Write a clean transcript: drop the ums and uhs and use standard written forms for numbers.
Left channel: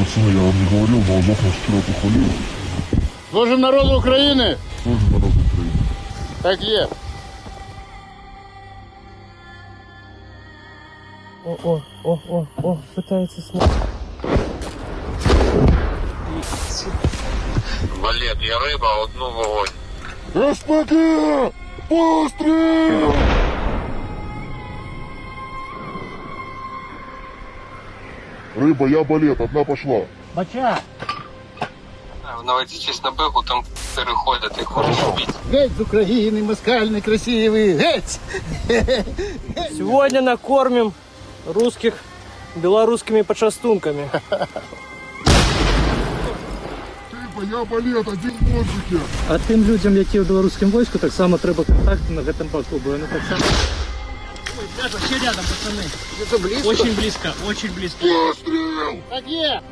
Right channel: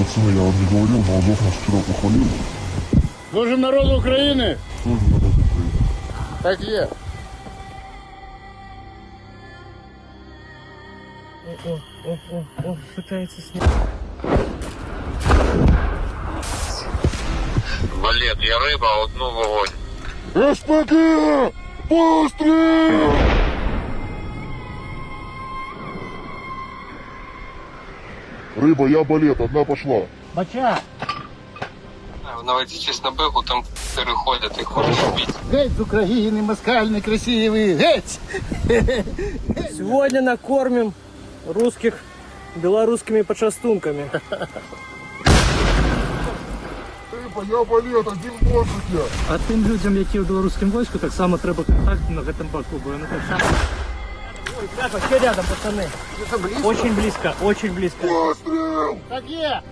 пацаны, я вам не говорил, но Азов нас вчера похвалил. Служим народу України! Тоже народ Украины. Так є. О, пытается снять. Валет, я риба, одну вогонь. СПГ! Выстрел! Рыба, я балет, одна пошла. Бача! Наведитесь на бегу, там переходять і хочуть вбити. Геть з України, москаль некрасивий! Геть! Сегодня накормим русских белорусскими почастунками. Рыба, я балет, один бончик я. А тим людям, які в білоруському війську, так само треба контакти на цьому боку, бо вони так само. Вообще рядом, пацаны. Очень близко, очень близко. Выстрел! Так є!